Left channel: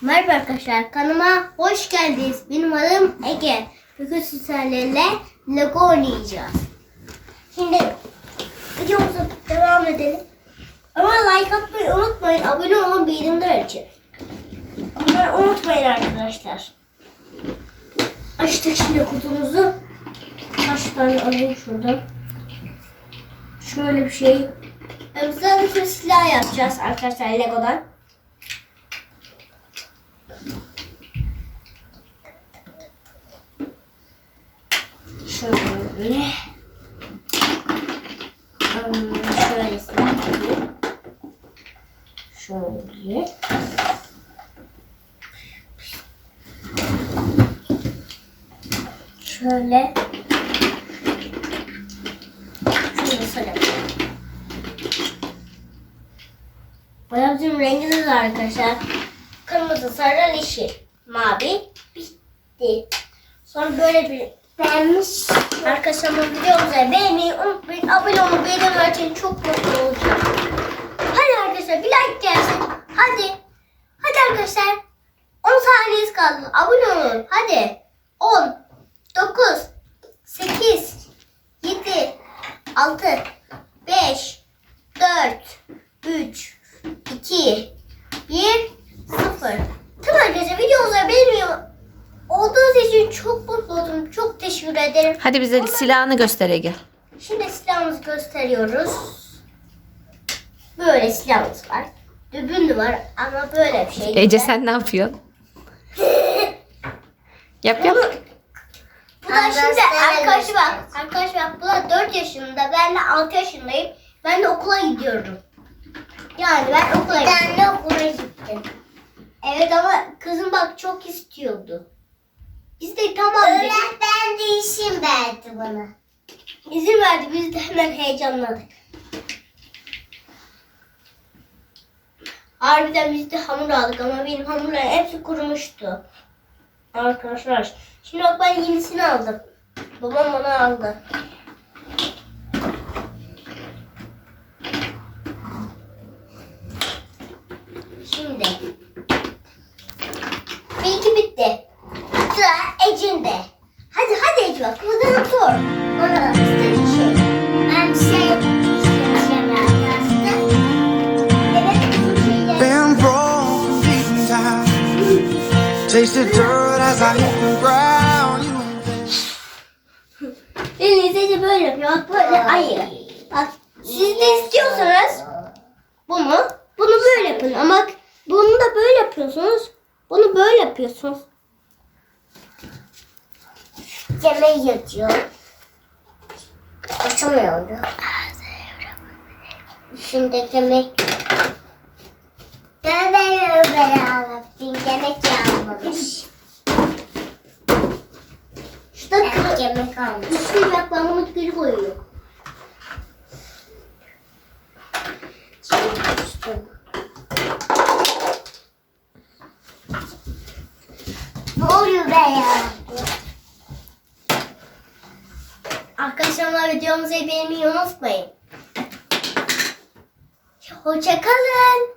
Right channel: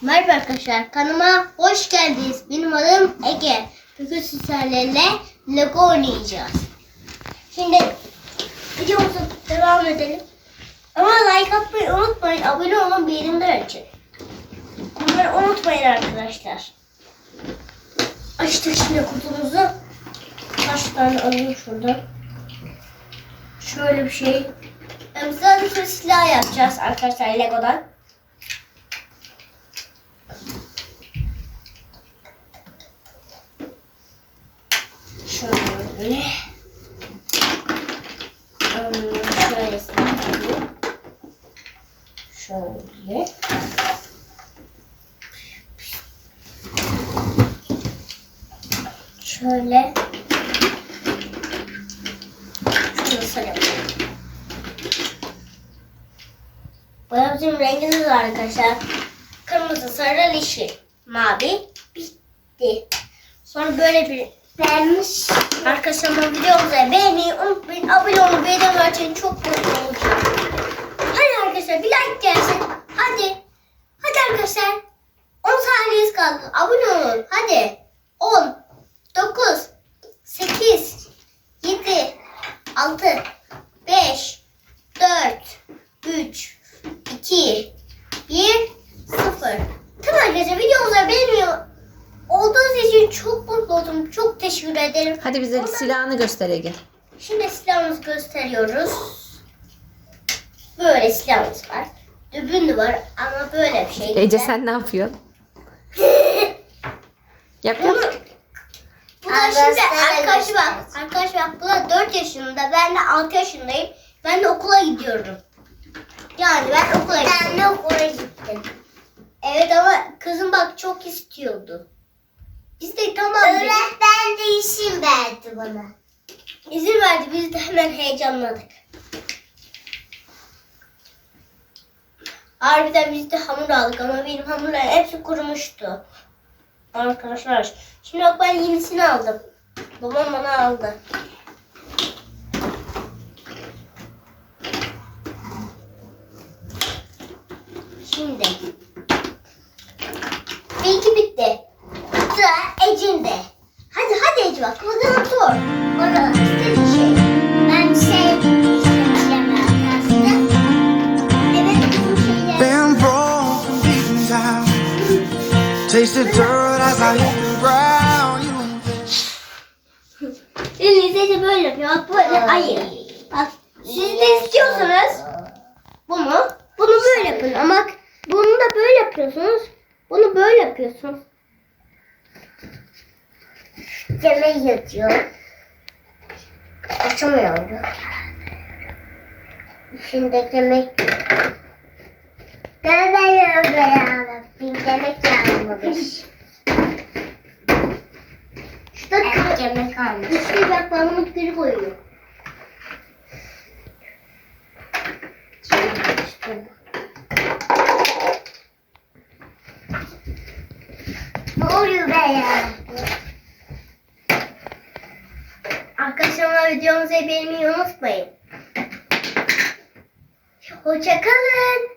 Merhaba arkadaşlar kanalıma hoş geldiniz. Benim adım Ege. Bugün sizlerle Lego oynayacağız. Şimdi videomuza devam edelim. Ama like atmayı unutmayın. Abone olun bildirimler açın. Bunları unutmayın arkadaşlar. Açtık şimdi kutumuzu. Kaç tane alayım şuradan. Şöyle bir şey. Bizden bir silah yapacağız arkadaşlar Lego'dan. Şöyle. Hmm, Şöyle. Şöyle. Şöyle. Saralım. Bana bizim rengimiz var arkadaşlar. Kırmızı, sarı, yeşil, mavi. Bitti. Sonra böyle bir vermiş. Arkadaşlar bu videomuzu beğenmeyi unutmayın. Abone olmayı beğenmeyi çok mutlu olacağım. Hadi arkadaşlar bir like gelsin. Hadi. Hadi arkadaşlar. 10 saniyeniz kaldı. Abone olun. Hadi. 10, 9, 8, 7, 6, 5, 4, 3, 2, 1, 0. Tamam arkadaşlar videomuzu beğeniyor. Olduğunuz için çok mutlu oldum. Çok teşekkür ederim. Hadi bize silahını göster Ege. Şimdi silahımızı gösteriyoruz. Böyle silahımız var. Dübün de var ama böyle bir şey. Ece sen ne yapıyorsun? Yap yap. Bunu, bu da şimdi arkadaşı bak. Arkadaş bak bu da 4 yaşında. Ben de 6 yaşındayım. Ben de okula gidiyorum. Yani ben okula gidiyorum. Ben de okula gittim. Evet ama kızım bak çok istiyordu. Biz de tamam dedik. Öğretmen de işim verdi bana. İzin verdi biz de hemen heyecanladık. Harbiden biz de hamur aldık ama benim hamurlar hepsi kurumuştu. Arkadaşlar şimdi bak ben yenisini aldım. Babam bana aldı. Şimdi. Benimki bitti. Ece bak. Buradan sor. Orada istediğin şey. Ben bir şey. Been deep dirt as I hit the ground. You been Şimdi Ece böyle yapıyor. Bak böyle hayır. Bak siz de istiyorsanız bunu bunu böyle yapın. Ama bunu da böyle yapıyorsunuz. Bunu böyle yapıyorsunuz. Yemeği yatıyor. Açamıyorum. Şimdi yemek... Dönüyorum beraber. Bir yemek yanmamış. Şurada kırık. yemek almış. Üstüne bak ben bunu geri koyuyorum. Ne oluyor be ya? Arkadaşlar videomuzu beğenmeyi unutmayın. Hoşçakalın.